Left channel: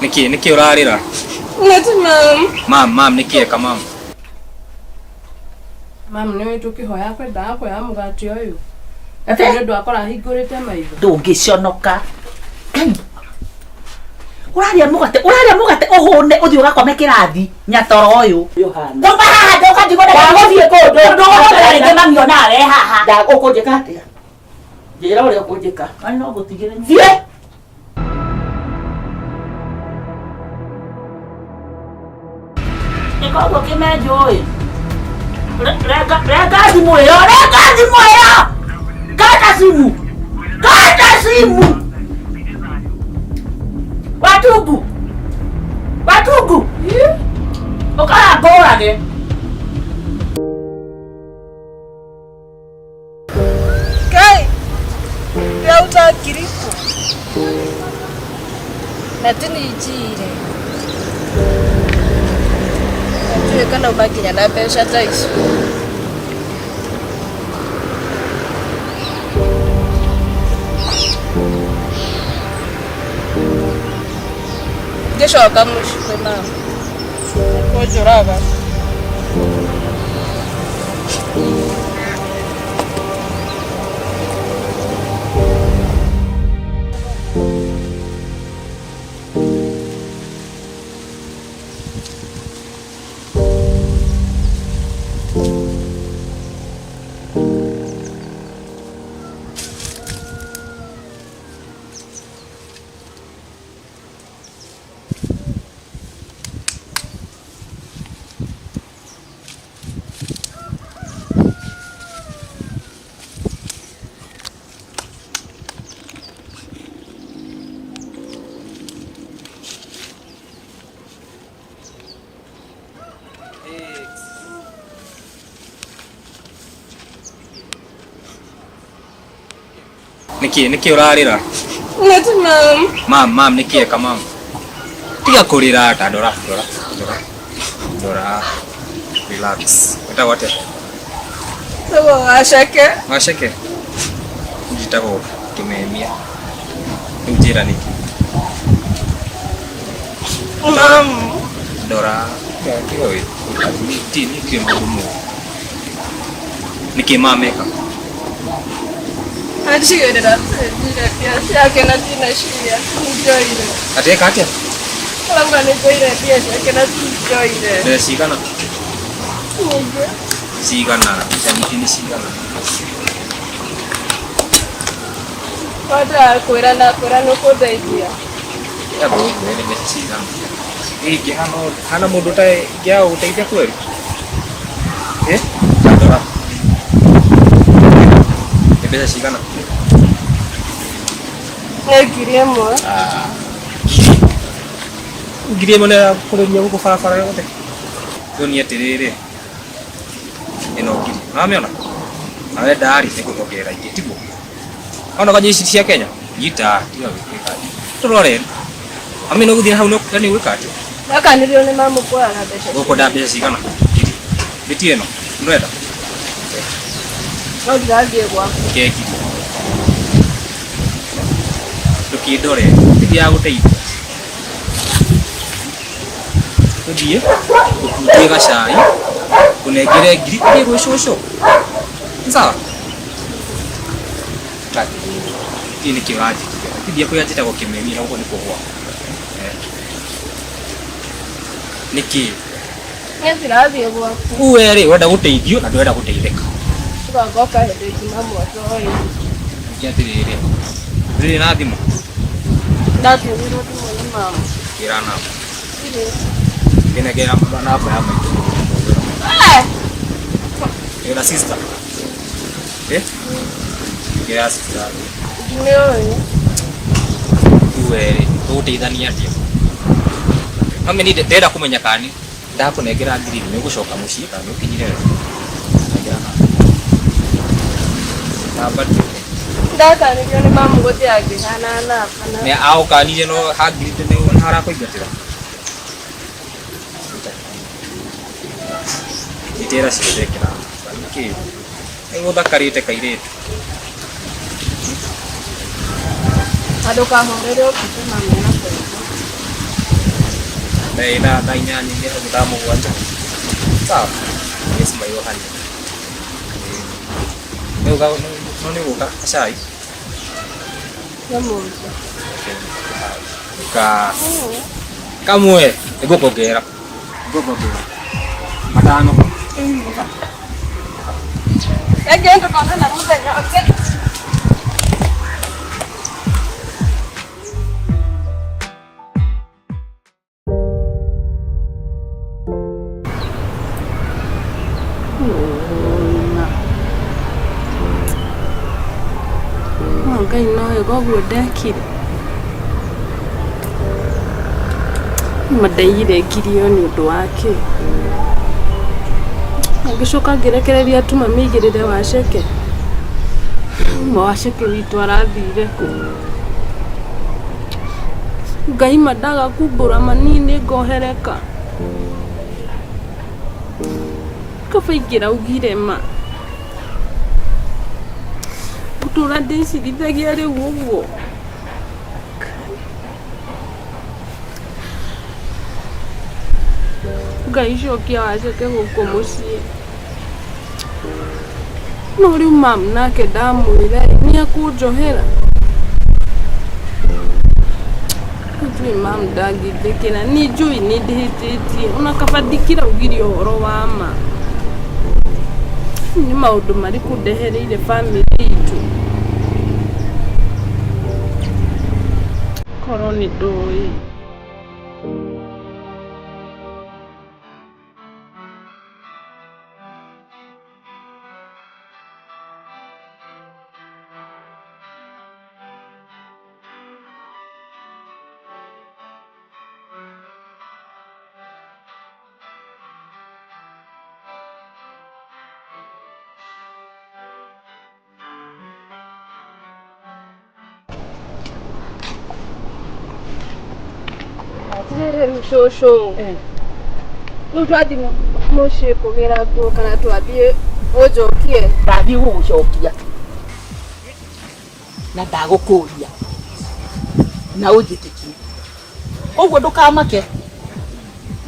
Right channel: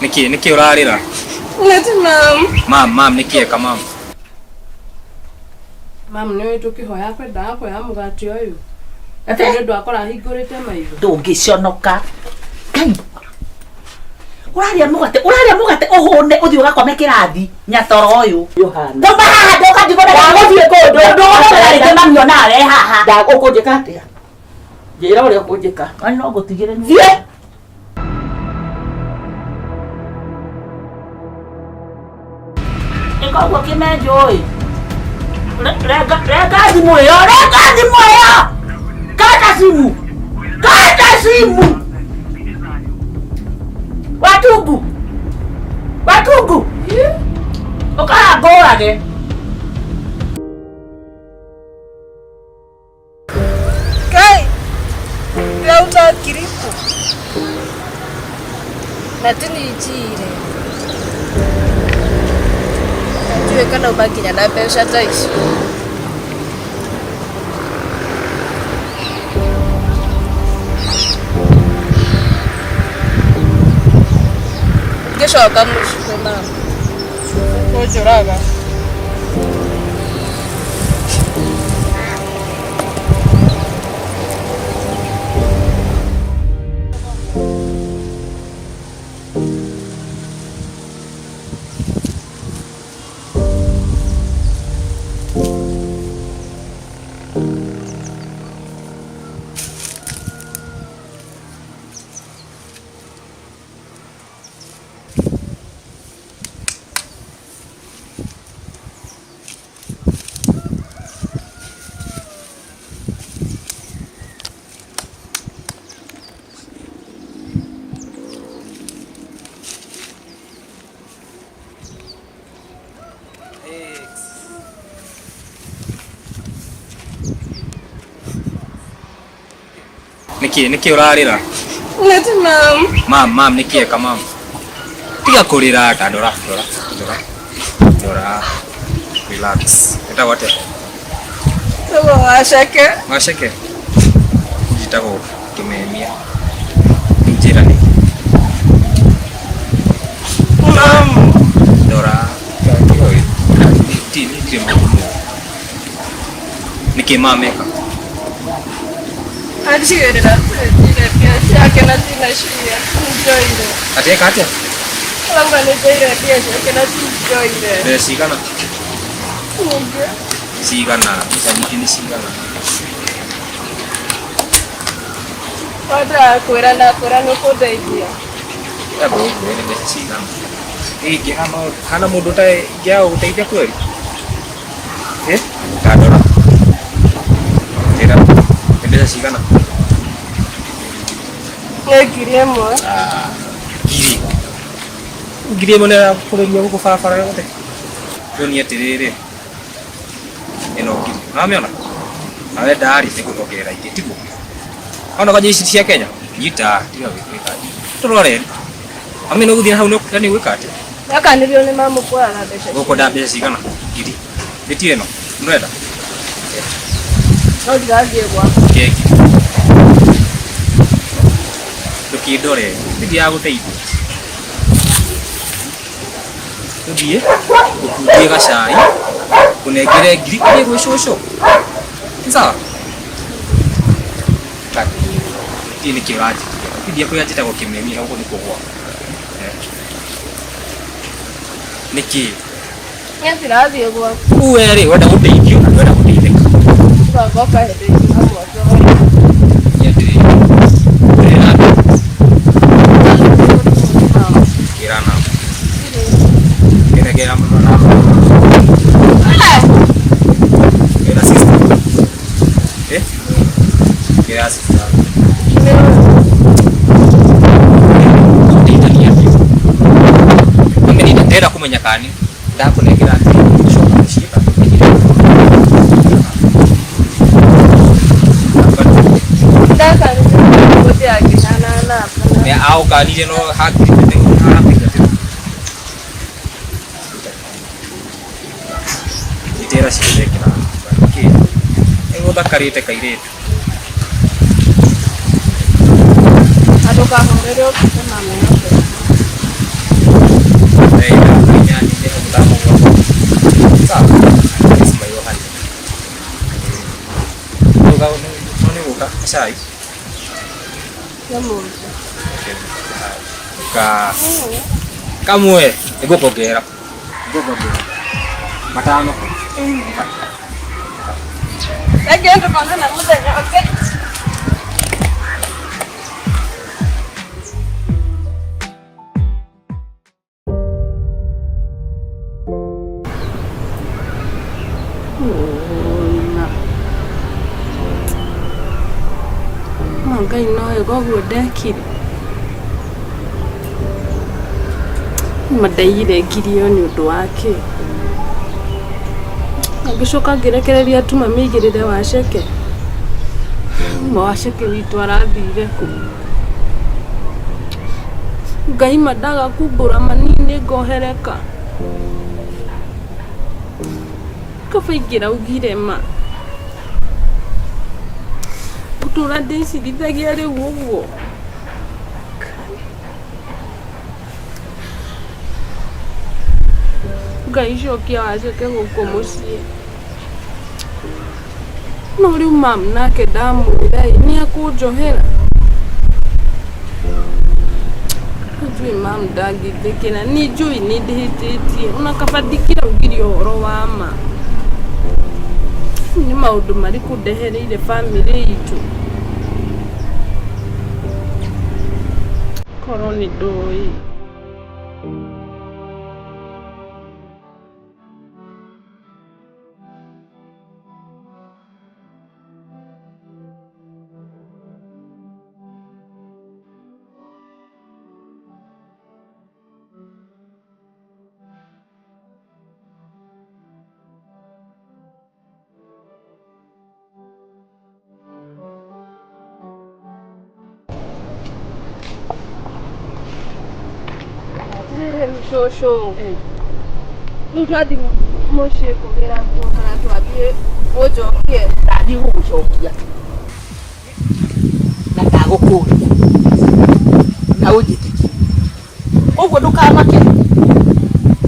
Niki urarira? Nati mam. Mam niki eka mam. Mam niwe tukihoya kwenda kwa mugati uyu. Ate ndo akora hingurite maitho. Ndungiconoka. Kai. Uraria mugate uhune uthi ugakome kirathi nyatoro uyu. Yohana. Ndoma haha ndoka ndigona guthie kundu. Ndona ringi mami ona are haha. Ndagukunjika atia? Njira uria kunjika. Ani no gutigire ni. Thie. Iko kimenjo uyu. Rega simu yo. Kata simu. Watugu. Okara gora ge. Kai. Rauta kiriku. Natini ijire. Najue kana ubakinya na pesa taishi. Geshoka mushikwe mama. Kojoraga. Niki urarira? Nati Mam niki eka mam. Tiga kurira ta dora. Relax. Eta wate? Sawa washake. Jitako kimemia. Njira niki. Mam. Dora. Oi. Niki magumu. Niki mam eka. Ajira pia yake na tina shia. Enjoy. Ateka atia? Lamba ni pia yake na enjoy. Be sigana. Sigana, bisa ni sigana. Pada kurana ko daidia. Ya bro, ini bisa sigana. Hana mudu tai gya utaitia kweli. Adora. Bisa sigana. Giremo. Giremo na kureria guko farafara yote. Dunia tirire. Eno giri. Namiona. Awe dari sikutokera igitigo. Ona kaje isi cia Kenya. Gita tiga wikeka. Turore. Amino guthina hau no yani wikate. Yakanirio ni mamu kwa na besha. Goko da besha sigana. Giri. Beti eno. Ndweda. No digagie kwa. Keki. Tukidore. Tiga guteithia. Tuthie. Ukutie gacai. Kunengere ngiri kuri gwicoco. Sawa. Kati. Ini kiraji. Tidia kuyajita kwa kimemi na huko niko kwa. Niki. Nyasi razi kwa. Uwere wenda guteithio na wenda guteithika. Tugagoka hede mamu wato. Yatiri. Tiri nabi. Tatu mama. Kirana. Ile. Kena mama. Era sister. Kira sister. Utithania ndio. Mami ni ndera kumenya kani. Ndakunengera nthi gushoka muciba menyire. Ndaka ni mamu bote yake na. Ne au kani no hakiri te no harapika te. Itera sirekera. Ke. Engo dakarite kairetu. Adoka hongereo kwa mama yako. na inyanya ndio mtamu wa. Sawa. Sima hiyo hali. Noni uka chai. Yamu. Kamwe igukogera. Igukogera. Matano. Agenda kana na muthenya okay. Ngai noyo goguo ndekire madaire ngirio ni undu wake agicoka ngirekereria tu mami igirire waceke waceke witu arathire ku Ngai madaga kumbura manini ngohereka kafaingira ugire ma Tura ndicitithagia riu uguo Ngai cokia waceke guku mucii no riu mam nake ndamwira ni akunjohera njui mam ndangithikira ni njui ni ndihititie ona kaba ndikira ugire uhoro wa ma ni maundu mariku ndehereire family itu koroni ndui Shosho. Nutwathi muciĩ kũgĩra nguo kana twambie ũnjokie. Ndathiĩ gũgũcokia na ndagũkũria na ũnjĩtĩkie ũguo ndũkamake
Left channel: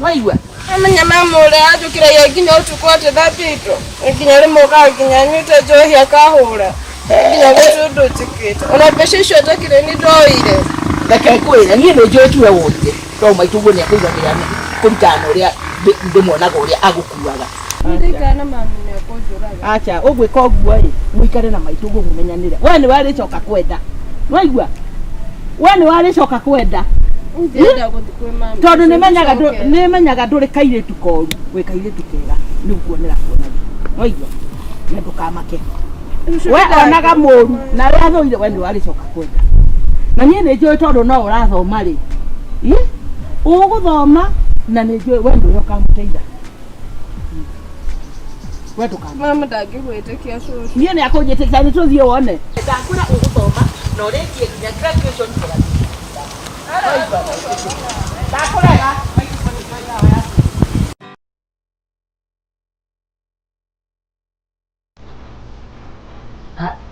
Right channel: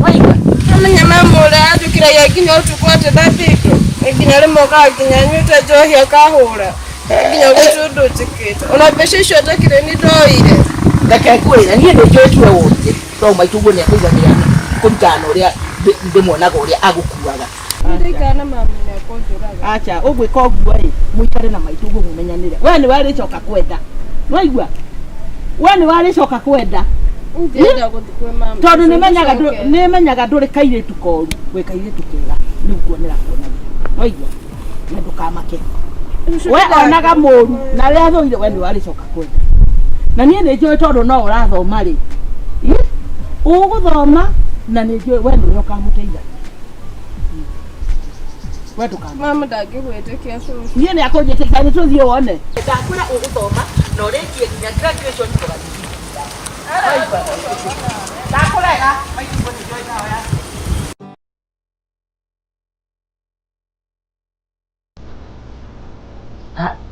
waigua Amenya mama ũrĩa anjũkĩragia nginya ũtukũ atethambĩtwo nginya rĩmwe ũkaga nyuĩte njohi akahũra nginya gũtirĩ ũndũ njĩkĩte ona mbeca icio njakĩre nĩ ndoire reke ngwĩre niĩ nĩ njũĩ tuwe wũnjĩ to maitũguo nĩ akũigagĩra kũringana na ũrĩa ndĩmuonaga ũrĩa agũkuaga ndikana mama nĩ akũnjũraga acha ũgwĩka ũguo-ĩ mũikare na maitũguo mũmenyanĩre we nĩ warĩcoka kwenda waigua we nĩ warĩcoka kwenda tondũ nĩmenyaga ndũrĩ kairĩtu koru wĩ kairĩtu kega nĩ ũkuonera kuonagia waigua na ndũkamake we onaga mũru na rĩa thũire we nĩ warĩcoka kwenda na niĩ nĩ njũĩ tondũ no ũrathoma-rĩ ũgũthoma na nĩ njũĩ we nĩwe ũkamũteithagia we ndũkamake mama ndangĩgwĩtĩkia cũcũ niĩ nĩ akũnjĩtĩkia nĩ tũthiĩ wone ndakwĩra ũgũthoma na ũrĩkie nginya graduation tũgathiĩ ndakũrega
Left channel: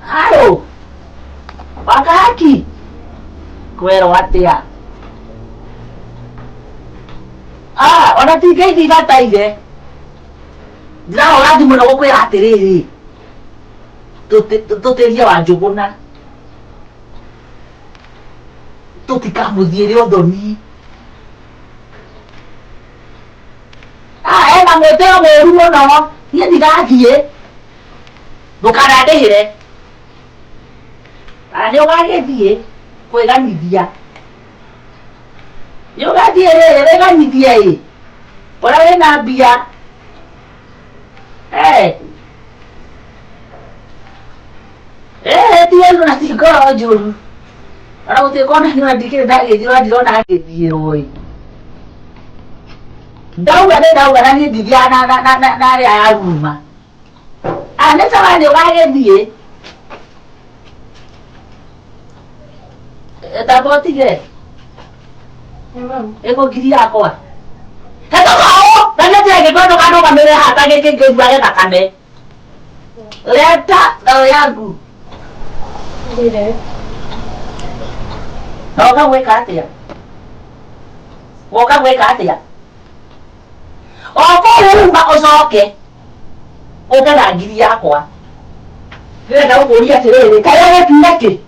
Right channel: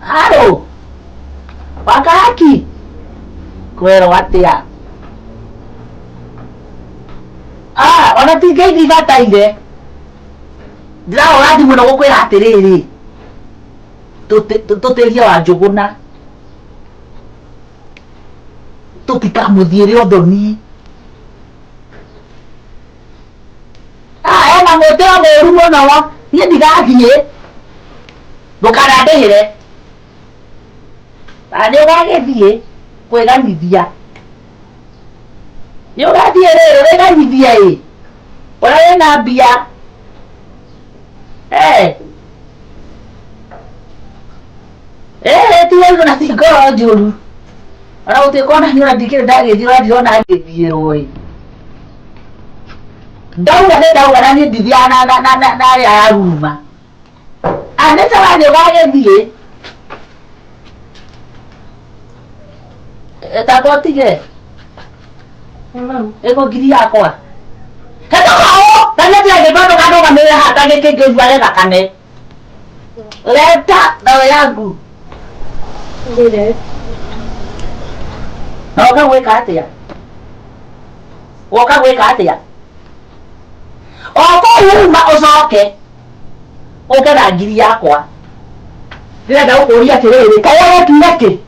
halo wakaki kwero atia ona ti Ngai ndigataire ndĩrahũra thimũ na gũkwĩra atĩrĩrĩ tũtĩrie wa Njũgũna tũtikamũthiĩre ũthoni ena mwĩtĩo mũũru mũno niĩ ndigathiĩ ndũkanandĩhĩre na nĩ ũgagĩthiĩ kwĩganithia nĩ ũgathiĩ rĩrĩ wĩganithie ũrĩa wĩna mbia ti wendo na ti ngoro njũru ona gũtuĩka ona niĩ ona ndikĩrĩ ndagĩthiĩ ona ndirona ngĩthiĩrwo-ĩ ndauga nĩ ndauga na niĩ ndithiaga na arĩa aruma nĩ tawa nĩ ũgagĩthiĩ tamba ũtige ĩko ngiri yakwa hetũkao na nĩ ndĩragĩtondũka ndũgamĩrĩre hata gĩkĩ ngĩiguage thakame leta ndawa yangu woka gwĩka atĩa Oko uma ucoke. Ukera ngiri yakwa. Ndĩrenda gũkũria atĩrĩrĩ, kaya gũtuire kĩ?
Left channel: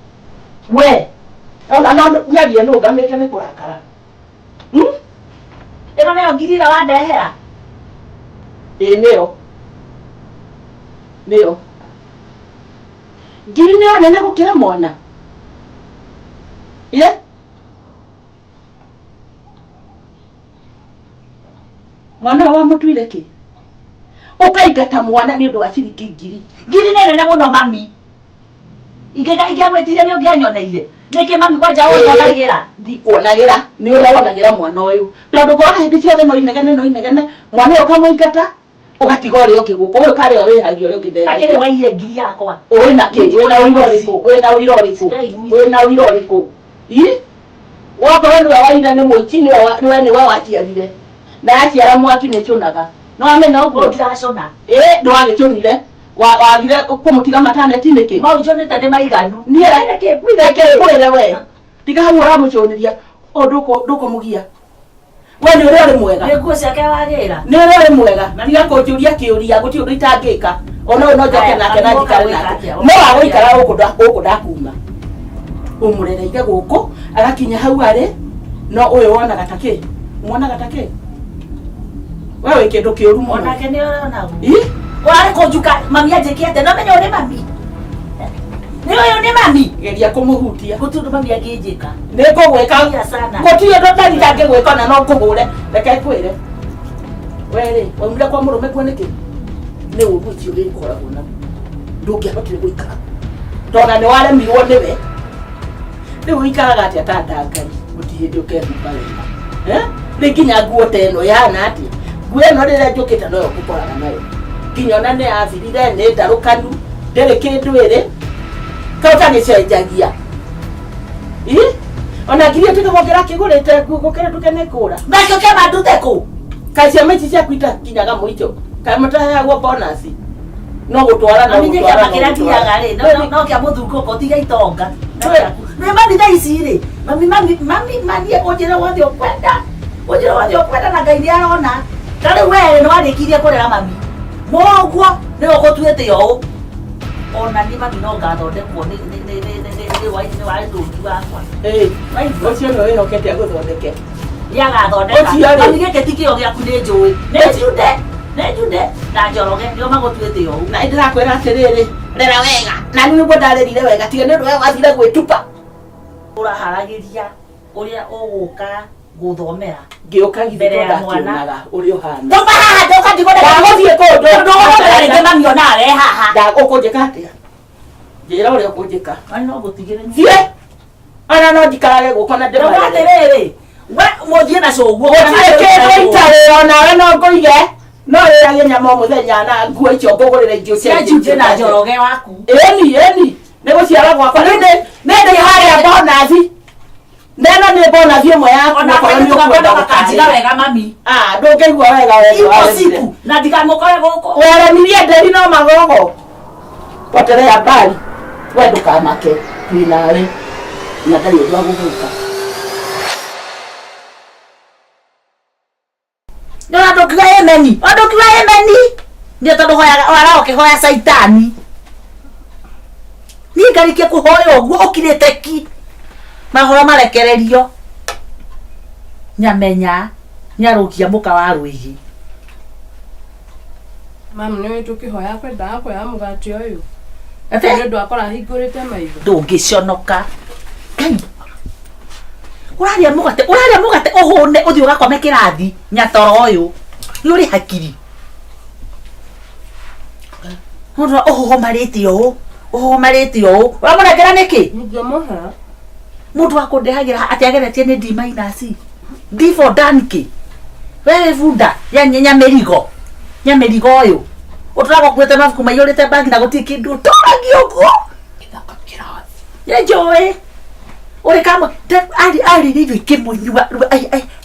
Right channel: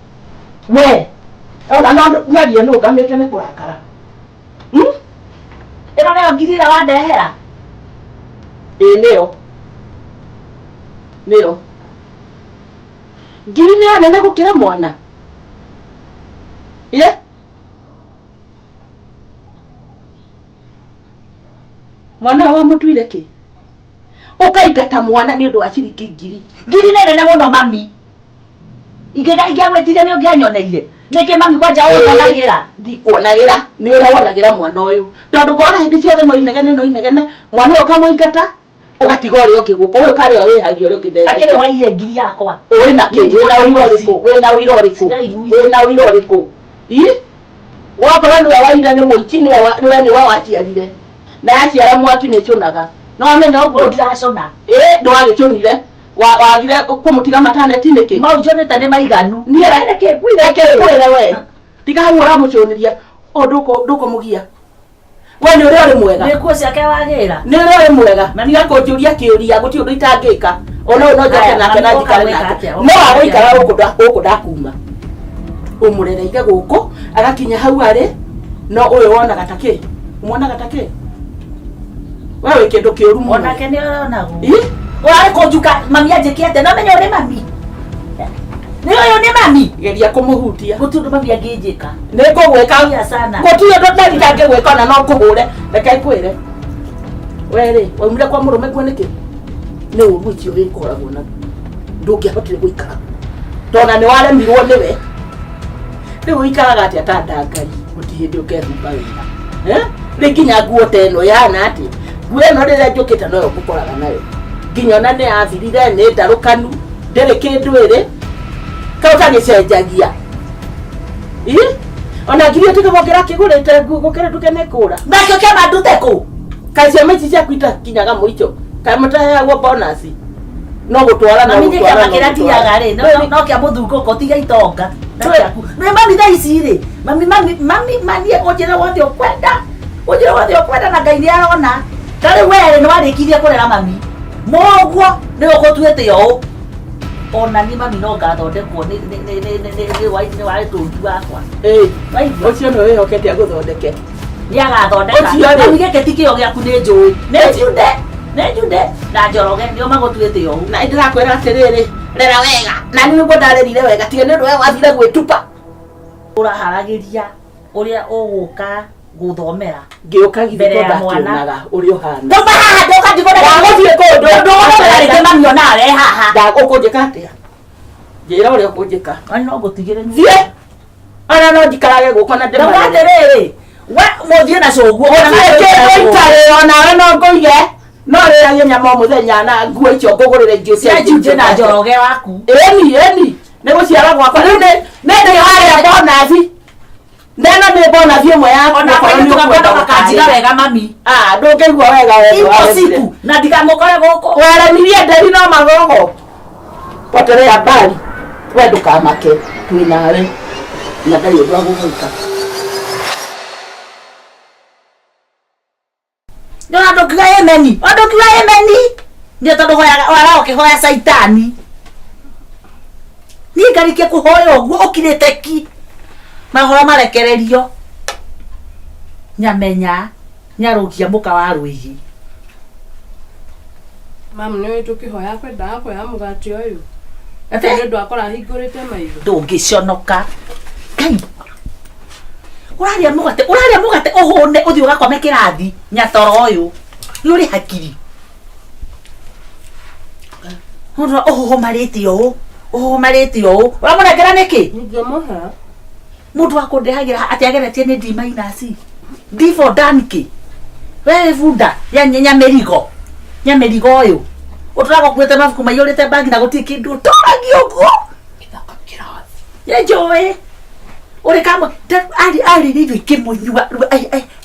We, ona no nyaria nũ ngamĩte nĩ kũrakara. Ĩno nĩyo ngiri ĩrĩa wandehera? Ĩĩ nĩyo. Nĩyo. Ngiri nĩyo nene gũkĩra mwana. Ye? Mwana wa mũtuire kĩ? Ũkaingata mwana nĩ ũndũ wa ciringi ngiri. Ngiri nĩ nene mũno mami. Ingĩgwĩtire nĩ ũngĩanyoneire. Nĩkĩ mami kwanja ũnonagĩra? Ndikuonagĩra. Nĩ ũrĩa wonagĩra mwana ũyũ. Tondũ ngona hĩndĩ ciothe no inegene. Mwana ũyũ ũkamũingata, ũgatiga ũrĩa ũngĩ gũkũ. Ũyũ karĩa wĩhagia ũrĩa ũngĩ ndege. Akĩrĩ waiyire ngiri yakwa. Ũrĩ na kĩ? Wĩna ũira ũrĩkũ? Wakorwo nĩwe waiyire nĩ mũici nĩwe waciarire. Na yaciara mwaki nĩ ĩcũnaga. No amenya ũguo ndiracũna. Ndwagĩcũnire. Wagire kũmũtiga mataneti nĩkĩ? Maũnjũnĩte nĩ maiganu. Niĩ reke kwĩre we. Tiga hau ũramũcũnĩria. Ndũkũmũgia. We nĩ ũrĩa ũrĩ mwega. Nĩ nguo ciake wagĩra. Nĩ ũrĩa ũrĩ mwega. Na niga kũnjũria kĩũria gũtirĩ ũndũ itangĩka. Ona ũyũ no njoke nake na njikare nake. No agũikara gũkũ ndakuma. Ũmũrereire gũkũ agakinya hau arĩ. No ũyũ wonaga ta kĩ? Mwonaga ta kĩ? We wĩ kĩndũ kĩũru mũno. Onake nĩ ũronagwo. Ũrarĩ kũnjuka mami anjĩkĩte no menya ũrĩ mami. Nĩ ũyũ nĩ mami. Geria kũmũhutia. Gũtirĩ ũndũ mami angĩnjĩka. Nĩ ngũgwĩka. Gũtirĩ ũndũ ndangĩgwĩka na no ngũhũre. Reke kwĩre. We-rĩ, waumire kwa mũrũme guo nĩkĩ? Nĩ ũru ũcio wĩkoragwo na ndũngĩahotire gũikara. Tondũ nĩ waremirwo nĩwe. Rĩu ũikaraga atĩa ta ndangai. Gũtirĩ hĩndĩ ũkehumba wega. Rĩu nginya nguo ta ĩno yahana atĩa? Nguo ĩno rĩrĩa njũkĩte noyo ngũkoraga nayo. Nginya ona nĩ yathirire nĩ ndarũkanu. Ndĩrĩ kĩndũ ĩrĩ. Kau tagĩcenjagia. Ona ngiri ũtigĩgũkĩra kĩgũrĩte nguo gũkĩra nduke nĩ kũra. Nakĩo kĩama ndute kũ? Kaĩ ciama ici ciaku itakinyaga mũico. Kaĩ mũtaheagwo bonasi. No gũtwara no gũtwara. Mami kĩama kĩrĩa kinyaga rĩ. No kĩa mũthungũko tiga itonga. Nĩ mami thaa ici rĩ. Mami ũnjĩre wothe ũkwenda. Ũnjĩre wothe ũkwenda na Ngai nĩ arona. Tarĩ we nĩ warĩkirie kũrera mami. Mũguo nĩ ũgũtuĩte ũũ. Ona ni mami no ngathondekwo nĩ waĩtũngi wakwa. Ũcio nĩ wĩhokete agũthondeke. Nĩ agathondeka. Mami gĩkĩ ti kĩo gĩaku nĩ njũĩ. Nĩ njude na Njoroge nĩo magũtuĩte ũũ. Na ndĩrakwĩra atĩrĩrĩ, rera wega. Na niĩ nĩguo ndarerire wega tiga nĩ ũndũ we wathire gwĩtupa. Ũraharagĩria ũrĩa ũgũka gũthomera. Ngĩũka githĩ ndakĩonaga ũrĩa ũhana. Toma haha ndoka ndigona. Wagũthiĩ kũndũ. Ndũgũthiĩ rĩngĩ mami onawe haha. Ndagũkũnjĩka atĩa? Njĩra ũrĩa ũkũnjĩka. Ani no ngũtigĩre. Thiĩ. Ona no njikarage gũkũ na ndĩmare. Ndũga atĩrĩrĩ. We mũthiĩ na cũguo. Gũtirĩ kĩndũ itarĩ onawe no ngũige. No rĩrĩa nyama mũthenya na nguo icio ngũgũrĩre ingĩ cia njinje na Njoroge waku. Ĩni. Nĩ gũciara gwakwa. Nĩ ndĩ harĩa bonathi. Neno nĩ bonathi ĩmwe yaku. Ona kwa tukakwenda gũkanjĩra wega mami. Ndũngĩigua wega wewe. Impossible. Na ndikamũkore gũkũ. Waremirie nderi no magogo. Potelea mbali. We ndũkamake. Twĩnawe. Na ndarĩ ũndũ wa gũgwĩka. Ndona ndũkiuga yemeni. Ndũkiuga yemeni. Nĩ tondũ wara ũkĩhoya caitani. Niĩ ngarikie kũhoya ũguo ũkirĩte ki. Mahoro marekererio. Nyamenya nyarukia muka wa rũigi. Mami nĩ tũkĩhoya kwendaga kuoya mũgate ũyũ. Nĩ ũndũ akora hingũrĩte maitho. Ndũngĩconoka. Ngai. Ũrarĩa mũgate ũhũne ũthiĩ ũgakome kĩrathi nyatoro ũyũ. Nĩ ũrĩ hakiri. Mũndũ ũmarĩte ũũ. Ũramũnengera nĩkĩ? Ndingĩmũhe. Mũndũ akũndehagira atĩ ageretie nĩ D minus. D for Danke. Wewe bunda ya nyamerigo. Nyamerigo ũyũ. Ũtũraga kuĩte mabuku maiyũrĩte bangi na gũtirĩ kĩndũ ũtũragio ũguo. Gĩthaka kĩrathi. Ye njũĩ. Ũrĩ kamwe ari rĩrĩ kĩmũnyua.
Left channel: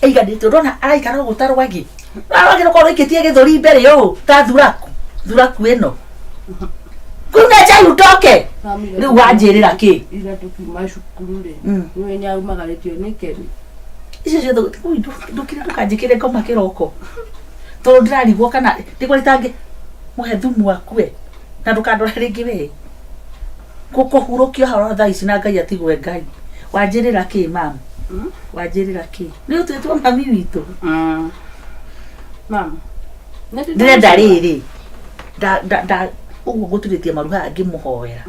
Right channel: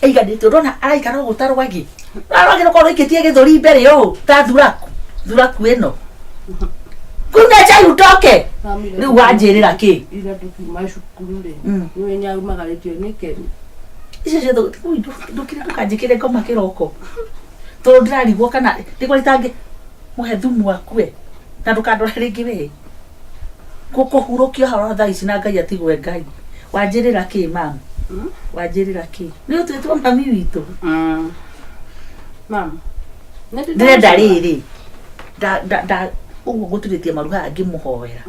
Aiganĩte ũrona araikara ũgũta rwagi. Rwagi rũkorwo rũikĩtie gĩthũri mbere ũũ. Ta thuraku ĩno. Kuna chai utoke. Rĩu wanjĩrĩra kĩ? Ira tukiuma cukuru rĩ. Nĩ nyaumagarĩtio nĩ Keni. Icio ndũkire ndũkanjĩkĩre ngoma kĩroko. to ndirarigwo kana ndiko ritange muhe thumu akue na ndukandora ringi we kukuhurukio haro thaa ici na Ngai atigwe Ngai wanjirira ki mama wanjirira ki ni utwetwo mami witu mama ndenda riri da uguo guturitie maruha angi muhoera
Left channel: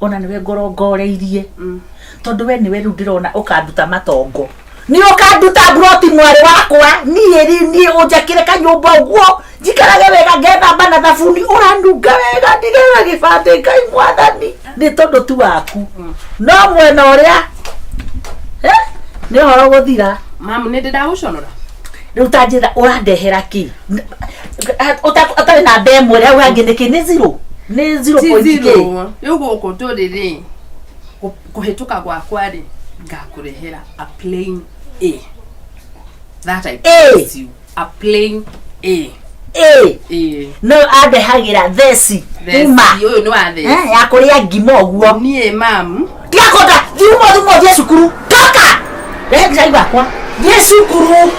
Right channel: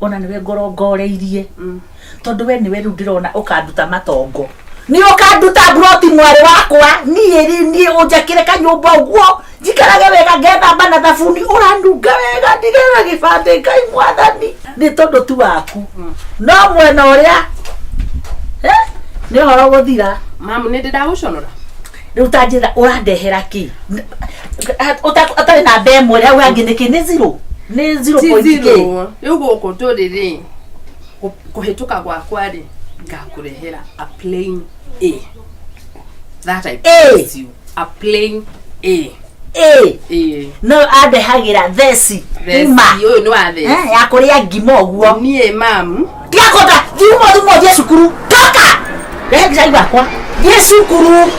ona niwe ngorongoreirie tondu we niwe ndirona ukanduta matongo ni ukanduta broti mwari wakwa ni unjakire kanyumba uguo jikarage wega ngetha bana thabuni urandunga wega ndigera gibande Ngai mwathani ni tondu tu waku no mwena uria ni horo guthira mama ni ndaguconora riu tanjira urandehera ki utari na mbemwe riu hangi niki ni 0 ni 0.k riu guku turiri kuhituka gwakwa ri ngakurehera a plain A that I promise you a plain A no adehagira theci uma uyu ni wa theci ya kuria ngima uguo nie mam tiga kota thumo thie cukuru toka ngai wakwa thie cukuru